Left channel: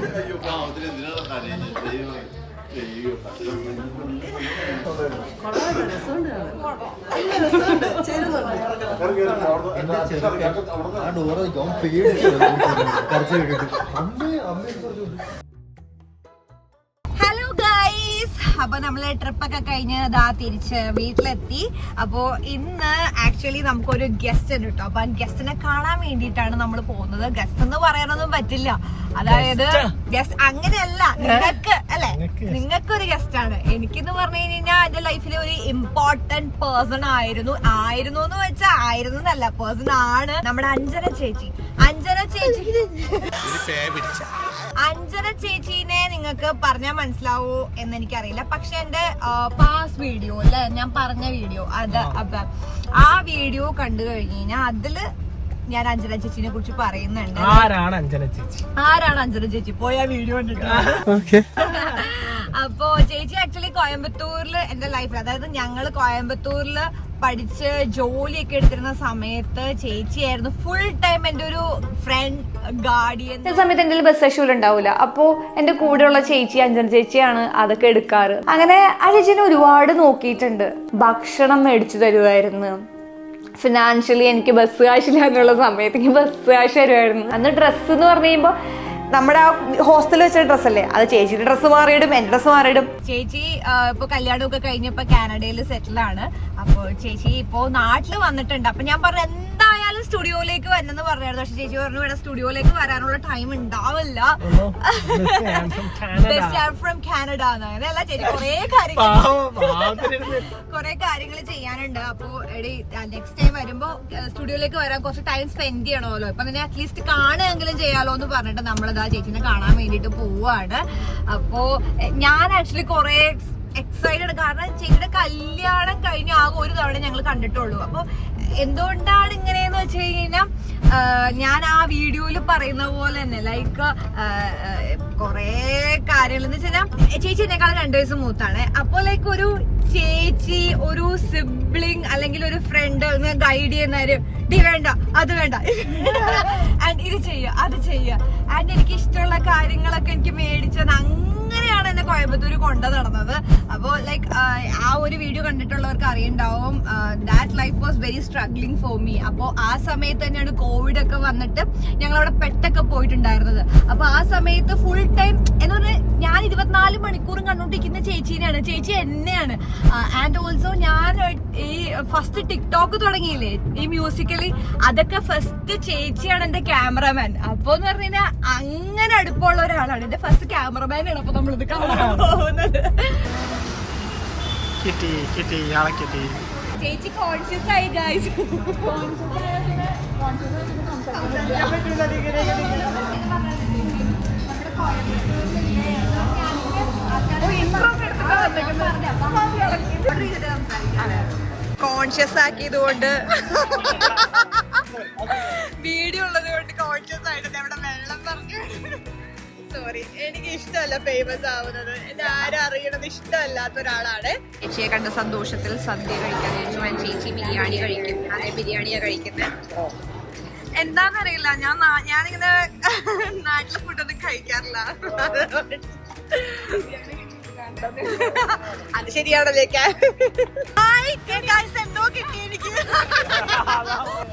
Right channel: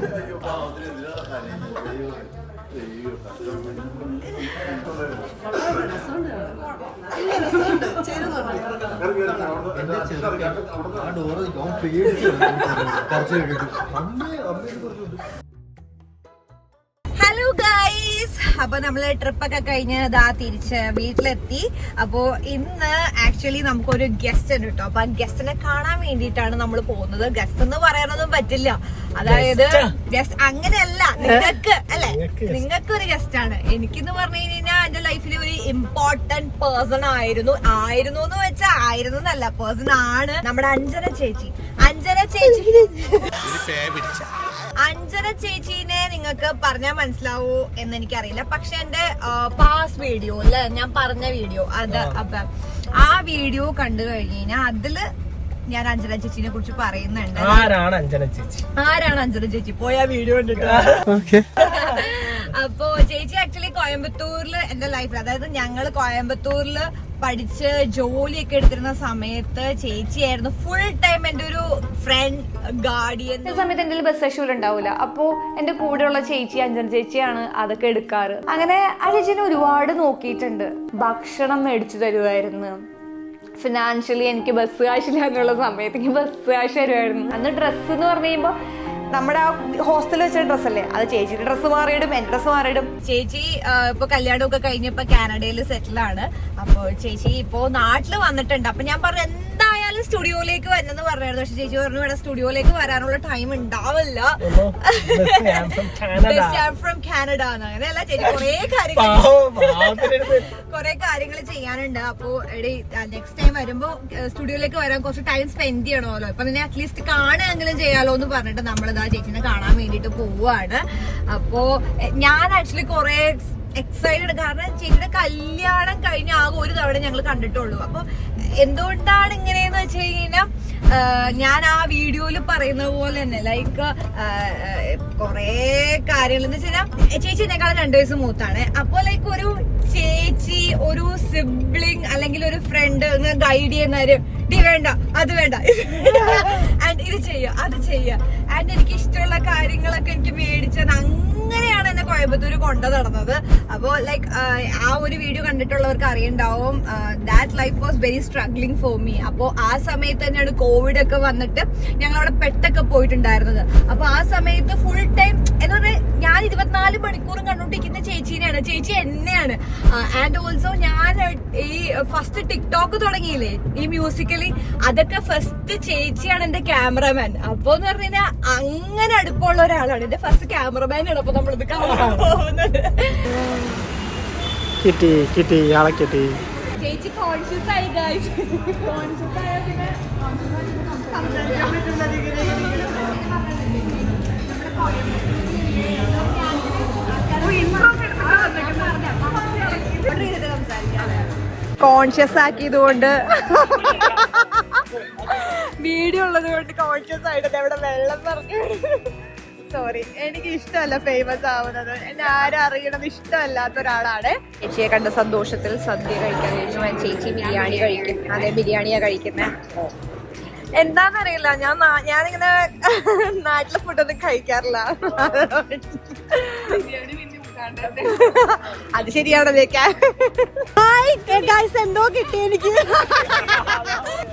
Hello guys, അപ്പൊ നമ്മള് ട്രിപ്പൊക്കെ കഴിഞ്ഞ് ഇതാ തിരിച്ച് വീട്ടിലെത്തി. അപ്പോ ഇന്ന് ആക്ച്വലി നമുക്കൊരു ഗസ്റ്റ് ഉണ്ട് കേട്ടോ. അപ്പൊ ആ ഗസ്റ്റിനെ കാണാൻ വേണ്ടിയിട്ടാണ് നമ്മൾ പോകുന്നത്. ഗസ്റ്റ് എന്ന് പറയാനൊന്നും പറ്റില്ല, അതായത് ഗസ്റ്റ് അങ്ങനെയല്ല, നിങ്ങൾക്ക് അല്ലെ, നിങ്ങൾക്കൊരു ഗസ്റ്റ് ആണ്. എനിക്കെന്ന് പറഞ്ഞു കഴിഞ്ഞാൽ എന്റെ ലൈഫിലെ ഒരു ഇമ്പോർട്ടന്റ് പേഴ്സൺ ആയിരുന്നു എന്ന് വെച്ചാൽ ആയിരുന്നു എന്നല്ല, പേഴ്സൺ ആണ് നമ്മുടെ അഞ്ജന ചേച്ചി. അഞ്ജന ചേച്ചീനെ നിങ്ങൾക്ക് പറഞ്ഞാൽ മനസ്സിലാവൂ എന്ന് എനിക്കറിയില്ല. പക്ഷെ എന്റെ പാസ്റ്റ് വീഡിയോ അല്ലെ, ഞാൻ പറഞ്ഞ വീഡിയോ അത്, അപ്പൊ ആ വീഡിയോ കണ്ടു കഴിഞ്ഞാൽ അതില് ഞാൻ അഞ്ജന ചേച്ചിനെ കുറിച്ച് പറയുന്നുണ്ട്. ആരാണ് അഞ്ജന ചേച്ചി പോയ വീഡിയോ കണ്ടിട്ട്. അപ്പോ ചേച്ചി ആക്ച്വലി കോയമ്പത്തൂരില് എന്റെ ലൈഫിൽ, അതായത് ഞങ്ങള് കോയമ്പത്തൂരില് പഠിച്ച് ജോലിയൊക്കെ എടുത്തിരുന്ന സമയത്ത് ചേച്ചിയായിരുന്നു ഫുൾ ടൈം എന്റെ ഒരു ഫ്രണ്ട്, ഗാർഡിയൻ. സമയത്ത് എന്റെ ബസ് ഷൂൽ ഉണ്ടാവില്ല, അപ്പോ എന്റെ കൂടെയുള്ള ചേച്ചി അഞ്ജന ചേച്ചിയാണ് അതൊക്കെ എടുക്കാറ്. അങ്ങനെ ആ ചേച്ചീനെ ഒരുപാട് നോക്കിയിട്ടുണ്ട്. ഭക്ഷണം മേടിച്ചു തരുമായിരുന്നു, ഫിനാൻഷ്യലി എനിക്ക് ബസ് കാശില്ല എന്നുള്ള സമയത്ത് എനിക്ക് ബസ് കാശ് തരുമായിരുന്നു. അന്ന് ഡ്രസ്സ് എന്ന് പറഞ്ഞു കഴിയുമ്പോൾ നമ്മുടെ ആ ഹോസ്റ്റലിൽ വെച്ച ഡ്രസ്സല്ലേ, അത് ചേച്ചിയുടെ ഡ്രസ്സ് മാറിയിടും, എന്റെ ഡ്രസ്സ് മാറിയിടും. ചേച്ചി ഇപ്പൊ കല്യാണമൊക്കെ കഴിഞ്ഞപ്പോ കാനഡയിൽ സെറ്റിലാണ്. അപ്പൊ ചേച്ചി ഇപ്പോ നാട്ടില് വന്നിട്ടുണ്ട്. അപ്പൊ ഞാൻ പറഞ്ഞു എന്തായാലും സ്റ്റുഡിയോയിലേക്ക് വരണമെന്ന് പറഞ്ഞായിരുന്നു. പക്ഷെ ചേച്ചി പറഞ്ഞു ഇവിടെ സ്റ്റുഡിയോയിലേക്ക് വരാനുള്ള ടൈം ഉണ്ടാവില്ല, ഫ്രം കാനഡ അങ്ങനെയല്ല ചേച്ചി, കുറെ കാര്യങ്ങൾ ചെയ്യാനുണ്ട്. അപ്പൊ നെക്സ്റ്റ് ടൈം വരുമ്പോ സ്റ്റുഡിയോയിലേക്ക് വരാൻ കുറച്ച് ടൈം സ്പെൻഡ് ചെയ്യണമല്ലോ. അപ്പൊ നിന്നെ അറ്റ്ലീസ്റ്റ് കാണുകയെങ്കിലും ചെയ്യാലോ എന്ന് പറഞ്ഞിട്ട് നമ്മളിതാ ചേച്ചിനെ കാണാൻ വേണ്ടിട്ട് പോവാണ്. അപ്പോ ഞാൻ ആക്ച്വലി കുറെ എക്സൈറ്റഡ്, കാരണം ചേച്ചിയുടെ കല്യാണം കഴിഞ്ഞ ആകെ ഒരു തവണ ഞങ്ങൾ കണ്ടിട്ടുള്ളൂ. അപ്പൊ എന്തുകൊണ്ടാണ് ഇങ്ങനെയെന്ന് വെച്ച് കഴിഞ്ഞാൽ ഞാൻ ആ വീഡിയോയിൽ പറയുന്ന പോലെ തന്നെ ലൈക്ക് കൊറേ കാര്യങ്ങൾ എന്ന് വെച്ചാൽ ചേച്ചി എന്നെക്കാളും 2 വയസ്സ് മൂത്താണ്. അപ്പൊ ലൈക്ക് ഒരു ചേച്ചി, ഒരു സിബ്ലിങ് അല്ലെങ്കിൽ ഒരു ഫ്രണ്ട് ഗൈഡ് ചെയ്യുന്നവര് വേണ്ട, അത് വേണ്ട, ആൻഡ് ഇത് ചെയ്യുക, അത് ചെയ്യുക, ആൻഡ് എനിക്ക് ഇഷ്ടമുള്ള കാര്യങ്ങളൊക്കെ എനിക്ക് മേടിച്ചാൽ അങ്ങനെയാണ് എന്നെ കോയമ്പത്തൂര് കൊണ്ടു നടന്നത്. അപ്പോ ലൈക്ക് ആ ഒരു വീഡിയോ കണ്ടിട്ടുള്ളവർക്ക് അറിയണ്ടാവും, that life was very struggling for me. അപ്പോ ആ സമയത്ത് തന്നെയാണ് കോവിഡ് ഒക്കെ വന്നിട്ട് ഞങ്ങൾ അവിടെ പെട്ടൊക്കെ പോയിട്ടുണ്ടായിരുന്നത്. അപ്പൊ ആ സമയത്ത് ഫുൾ ടൈം എന്ന് പറഞ്ഞാൽ ഞാൻ 24 മണിക്കൂറും കണ്ടുകൊണ്ടിരിക്കുന്ന ചേച്ചീനെയാണ്, ചേച്ചി എന്നെയാണ്. ആൻഡ് ഓൾസോ ഞാൻ ഈ ഫസ്റ്റ് ടിക്ടോക്ക് തുടങ്ങിയില്ലേ ഈ മ്യൂസിക്കലി, അതൊക്കെ ഫസ്റ്റ് ചേച്ചിയാണ് എന്റെ ക്യാമറമാൻ. അപ്പൊ എന്ന് പറഞ്ഞു കഴിഞ്ഞാൽ അങ്ങനെ അടുപ്പമുള്ള ഒരാളാണ് എന്റെ ഫസ്റ്റ് ക്യാമറമാനാണ്. അപ്പൊ നമ്മളിത് കാണാൻ പോകുന്നത്. ചേച്ചി കോൺഷ്യസ് ആയി ഗൈസ്, കോൺഷ്യസ് ആക്കിയത് കൊണ്ട്, വീഡിയോ ഉള്ളത് കൊണ്ട് കോൺഷ്യസ് ആയിട്ട് എവിടെ വെള്ളം പറഞ്ഞു. സോറി, എനിക്ക് ഇഷ്ടമല്ല ഫേമസ് ആവുന്നത്, എന്നെ ആരും അറിയണത് ഇഷ്ടമല്ലാത്ത ഒരാളാണ്. ചേച്ചിയെ കണ്ട സന്തോഷത്തിൽ സദ്യ കഴിക്കാൻ ചോദിച്ചു. ചേച്ചി ബിരിയാണി കഴിക്കും. അതെ, ബിരിയാണിയാ കഴിക്കുന്നത്. എന്താന്നറിയില്ല, ഞാനിങ്ങനെ നാട്ടിലെ ഫുഡൊന്നും കഴിക്കാറില്ല. അത് ശരിയാണല്ലേ. ഹായ് ഗൈസ്, എന്തോ കിട്ടി എനിക്ക്.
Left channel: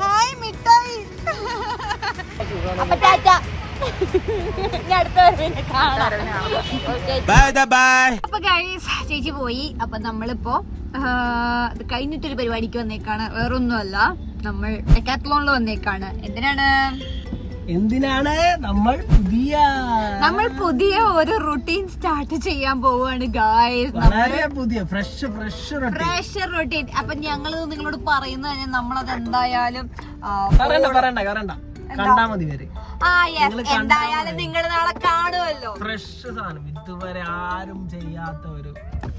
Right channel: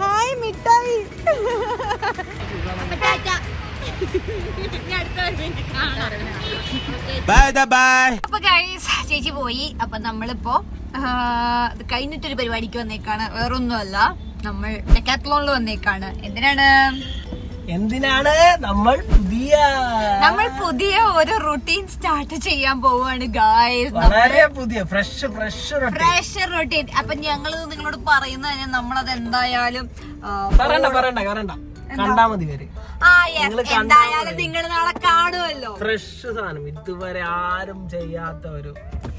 ഹായ് മിഠായി. അപ്പൊ ടാറ്റ, അപ്പൊ ഗൈസ് ചേച്ചി പോയി. അപ്പൊ നമ്മളിപ്പോ കഴിഞ്ഞിട്ടൊരു പരിപാടിക്ക് വന്നേക്കാണ്, വേറൊന്നുമല്ല, നമ്മൾ ഡെക്കാത്ലോണിൽ വന്നേക്കാണ്. എന്തിനാണ് നമ്മൾ പുതിയ ഒരു റുട്ടീൻ സ്റ്റാർട്ട് ചെയ്യാൻ പോവാണ് ഗായ്സ്. Fresh routine. അപ്പൊ ഞങ്ങള് നിങ്ങളോട് പറയുന്നത് നമ്മളത് എന്തായാലും എന്തായാലും നിങ്ങൾ നാളെ കാണുമല്ലോ. ഫ്രഷ് സാധനം, ഇതുവരെ ആരും ചെയ്യാത്ത ഒരു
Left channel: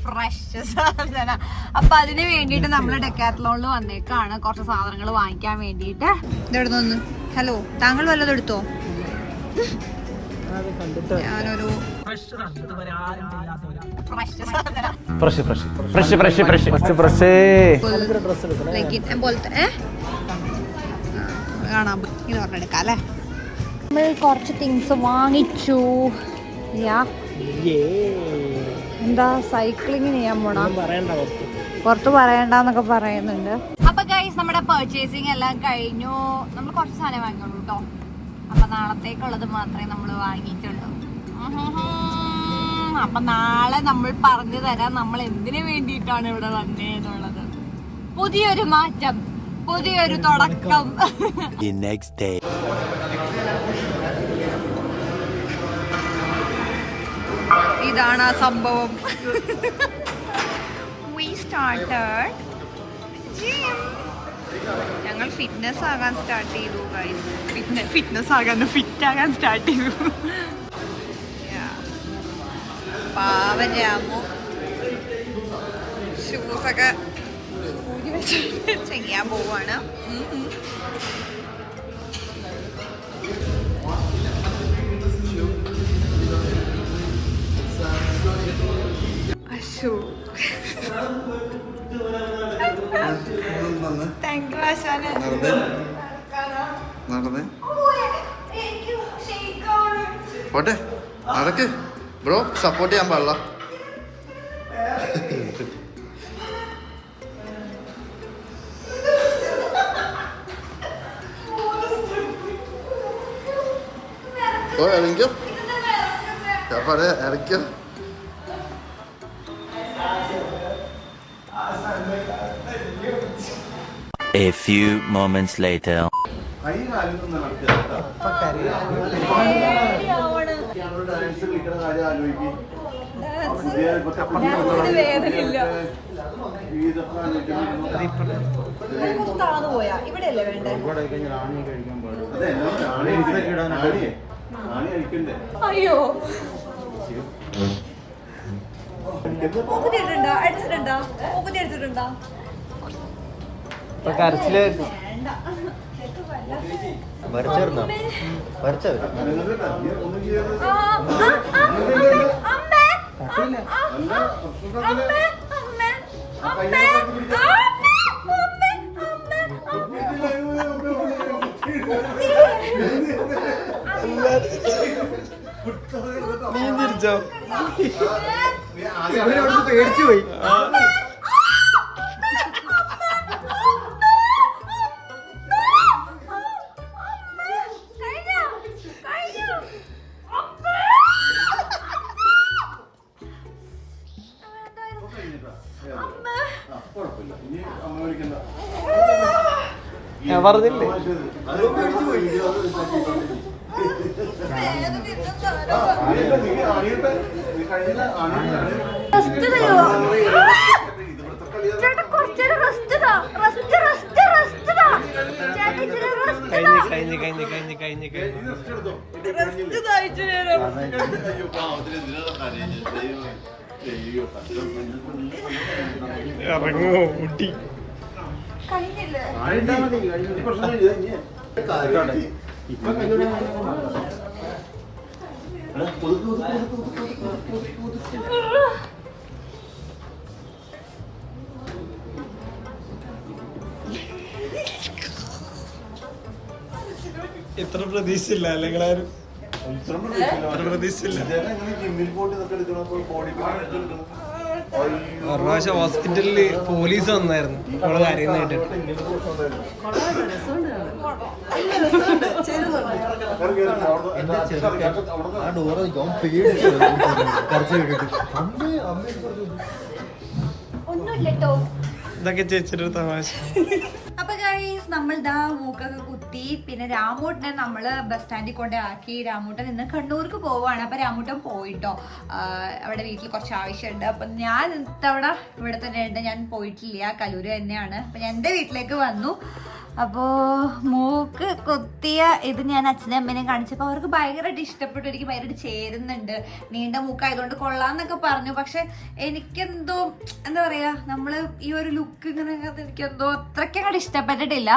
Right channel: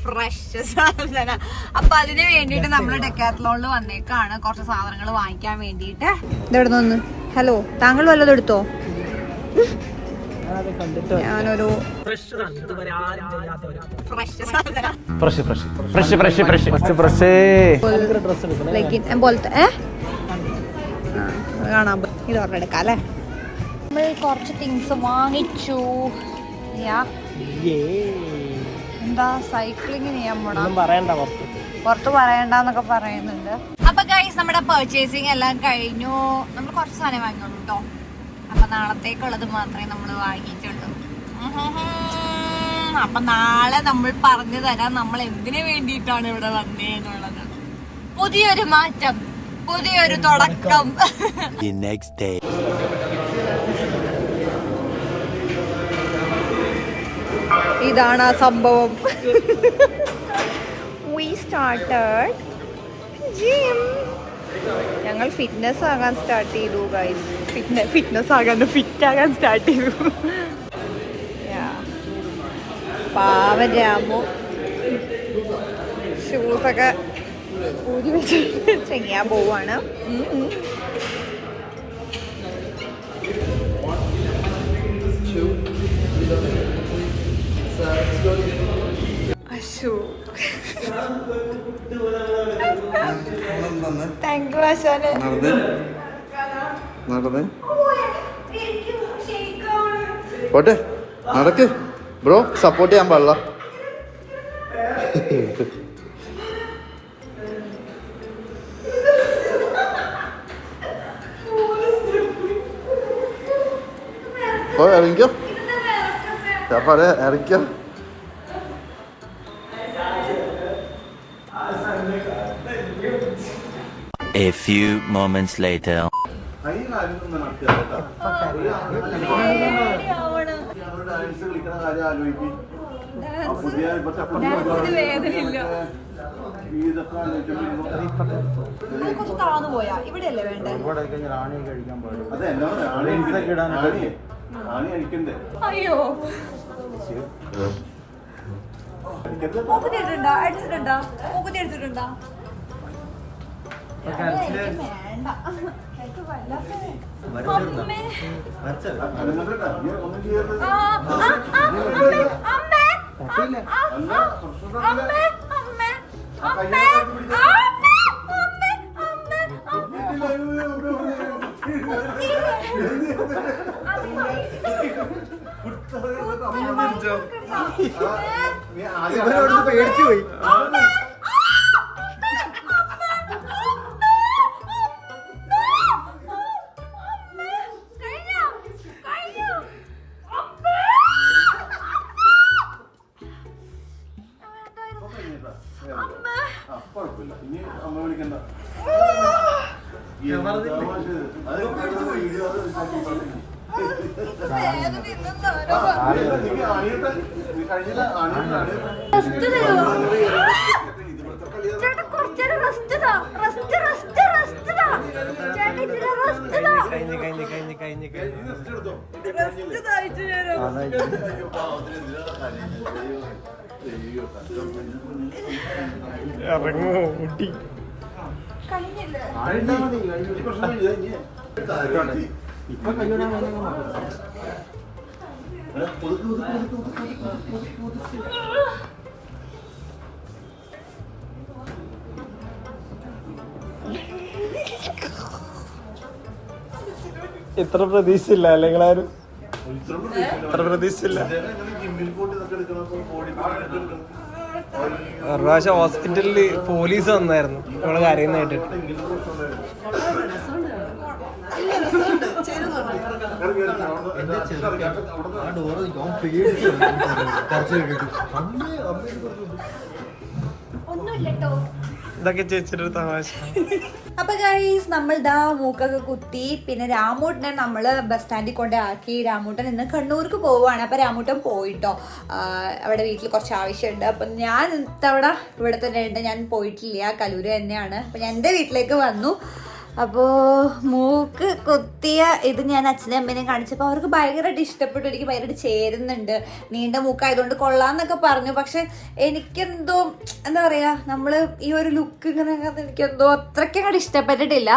ഫ്രഷ് സാധനം. അപ്പൊ അതിന് വേണ്ടിട്ട് നമ്മള് ഡെക്കാത്ലോണിൽ വന്നേക്കാണ് കുറച്ച് സാധനങ്ങൾ വാങ്ങിക്കാൻ വേണ്ടിട്ട്. ഇതെവിടെ നിന്ന്? ഹലോ, താങ്കൾ വല്ലതും എടുത്തോ? ഞാനൊരു കാണാൻ ഇത് പറഞ്ഞെടുക്കാം അല്ലേ. നമ്മൾ കുറച്ച് തിങ്സ് വാങ്ങിച്ചു. എന്താ സൈക്ലിംഗ് ചെയ്യാൻ പോണോ? പറയണ്ട പുറത്ത് പറയണ്ടെന്നൊക്കെ പറയുന്നുണ്ട്. അപ്പൊ ഗൈസ് നമ്മുടെ പർച്ചേസിങ് എല്ലാം കഴിഞ്ഞു. നമ്മൾ കുറച്ച് സാധനം വാങ്ങിയുള്ളൂ കേട്ടോ. അപ്പൊ നാളത്തേക്കുള്ളത് മാത്രമേ നമ്മൾ വാങ്ങിയിട്ടുള്ളൂ. അപ്പൊ നാളെ നമ്മൾ പറഞ്ഞു തരാം നമ്മൾ എന്തിനു വേണ്ടിയിട്ടാണ് ഇവിടെ വന്നേന്നുള്ളത്. പുതിയൊരു മാറ്റം, പുതിയൊരു തുടക്കം. ഇതാണ് ആ സംഭവം. We started gym. ഞങ്ങൾ ഫിറ്റ്നസ് ആകാൻ സ്റ്റാർട്ട് ചെയ്തു ഗൈസ്. ഫിറ്റ്നസ് ആകാൻ ഫിറ്റ് ആകാൻ സ്റ്റാർട്ട് ചെയ്തു. പാവൻ രാമു ഷൂസൊക്കെ ഊരി വെച്ചിട്ട് ചെയ്യാൻ പോവാണ്. താങ്ക് യു ആശാന്. പോട്ടെ നടക്ക് ബ്രോ, സപ്പോർട്ട് ചെയ്യാൻ പാടില്ല. ഇറങ്ങിക്കോ ഇറങ്ങിക്കോ. A few moments later. താന്നു പോയാ ഇവിടെയല്ലേ വേണ്ടേ? അയ്യോ മൂക്കുത്തി ഇട്ടിട്ടുണ്ടോ? അടിച്ചിട്ടുണ്ടോ? മൂക്കുത്തി അടിച്ചിട്ടുണ്ടോ? കരച്ചില് നീ തിരിച്ചോ? ഇവിടെ പേടിച്ചു പോയി. ഞാൻ പറഞ്ഞില്ലേ ഇറങ്ങോ ഊട്ടി. ഇത്ര പ്രതീക്ഷയില്ല അല്ലെങ്കിലാരും ഇത്ര പ്രതീക്ഷയില്ല. ഒരു പ്രാവശ്യം ഹോസ്പിറ്റലില് പോലീസ് വന്നായിരുന്നു നമ്മള് കരയുന്ന കേട്ടിട്ട്. ഒന്നുമില്ലട്ടോ, ഇതൊക്കെ ചേച്ചിയുടെ തമാശ. അപ്പൊ ഗൈസ് നമ്മൾ ദാ മൂക്കൊക്കെ കുത്തി. പിന്നെ രാമൂട്ടനെ നമ്മള് ബസ് സ്റ്റാൻഡിൽ കൊണ്ടേ ആക്കി. രാമൂട്ടൻ ഇന്ന് കണ്ണൂർക്ക് പോവാണ്. അപ്പൊ രാമൂട്ടൻ പോയിട്ടോ, അവിടെ വീട്ടിൽ കുറച്ച് ആവശ്യമുണ്ട്. അപ്പൊ ഞാൻ ഇത്തവണ ഇവിടെ തന്നെ ഉണ്ട്, ഞാൻ പോയിട്ടില്ല, കലൂര് തന്നെയാണ്. അപ്പൊ ഞാൻ എൻ്റെ വീട്ടിലേക്ക് വന്നു. അപ്പോൾ മൂക്ക് കുത്തിയ ഇത് ഞാൻ അച്ഛനെയും അമ്മേനെയും കാണിച്ചപ്പോൾ അവർക്ക് ഭയങ്കരമായിട്ട് ഇഷ്ടപ്പെട്ടു. എനിക്ക് ഭയങ്കരമായിട്ട് ചേരുന്നുണ്ട്, നീണ്ട മൂക്കായതുകൊണ്ട് കൊള്ളാന്നൊക്കെ പറഞ്ഞു. പക്ഷെ എനിക്കെന്തോ എന്താ പറയുക, നമ്മൾ ഈ ഒരു ലുക്ക് ഇങ്ങനെ എനിക്കെന്തോ അത്രയ്ക്കങ്ങോട്ട് ഇഷ്ടപ്പെട്ടിട്ടില്ല.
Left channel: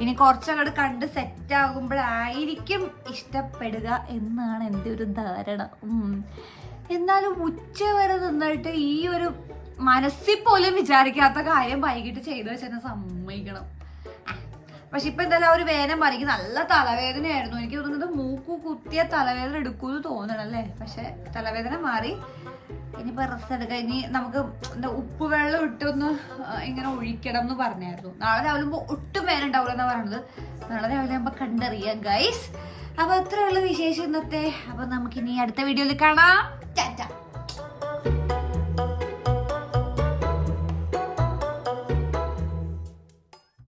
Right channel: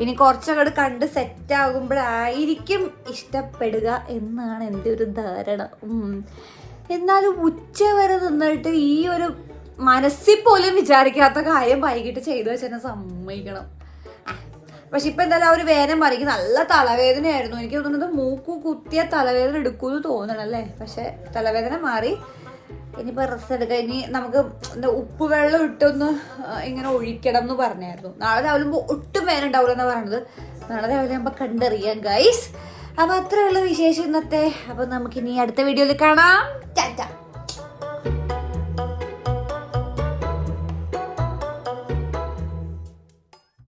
ഇനി കുറച്ചങ്ങോട്ട് കണ്ട് സെറ്റ് ആകുമ്പോഴായിരിക്കും ഇഷ്ടപ്പെടുക എന്നാണ് എൻ്റെ ഒരു ധാരണ. എന്നാലും ഉച്ച വരെ നിന്നിട്ട് ഈ ഒരു മനസ്സിൽ പോലും വിചാരിക്കാത്ത കാര്യം വൈകിട്ട് ചെയ്തു വെച്ചെന്നെ സമ്മതിക്കണം. പക്ഷെ ഇപ്പൊ എന്തായാലും ആ ഒരു വേദന മാറി. നല്ല തലവേദനയായിരുന്നു. എനിക്ക് തോന്നുന്നത് മൂക്കു കുത്തിയ തലവേദന എടുക്കുമെന്ന് തോന്നണം അല്ലേ. പക്ഷെ തലവേദന മാറി. ഇനിയിപ്പോ റെസ്റ്റ് എടുക്കാം. ഇനി നമുക്ക് എന്താ ഉപ്പ് വെള്ളം ഇട്ടൊന്ന് ഇങ്ങനെ ഒഴിക്കണം എന്ന് പറഞ്ഞായിരുന്നു. നാളെ രാവിലെ ഒട്ടും വേദന ഉണ്ടാവില്ല എന്നാ പറഞ്ഞത്. നാളെ രാവിലെ ആകുമ്പോ കണ്ടറിയാം ഗൈസ്. അപ്പൊ അത്രയുള്ള വിശേഷം ഇന്നത്തെ. അപ്പൊ നമുക്കിനി അടുത്ത വീഡിയോയിൽ കാണാം. ടാറ്റ.